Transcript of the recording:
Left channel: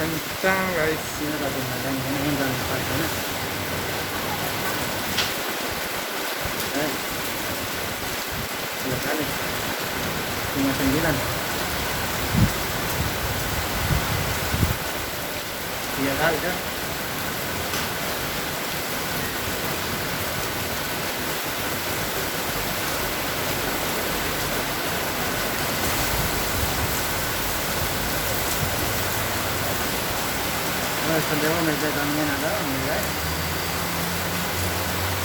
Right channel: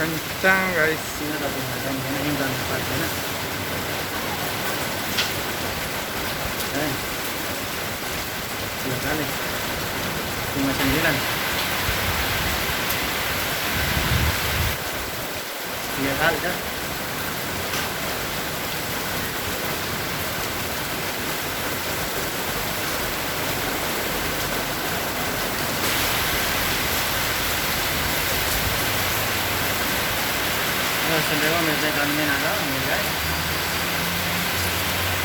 Kencang guys. Ini kadang-kadang ini jangan lupa ya. Oh, 2 kali 59 3 kali kan. Oh, sendiri meja kami ada, mulai.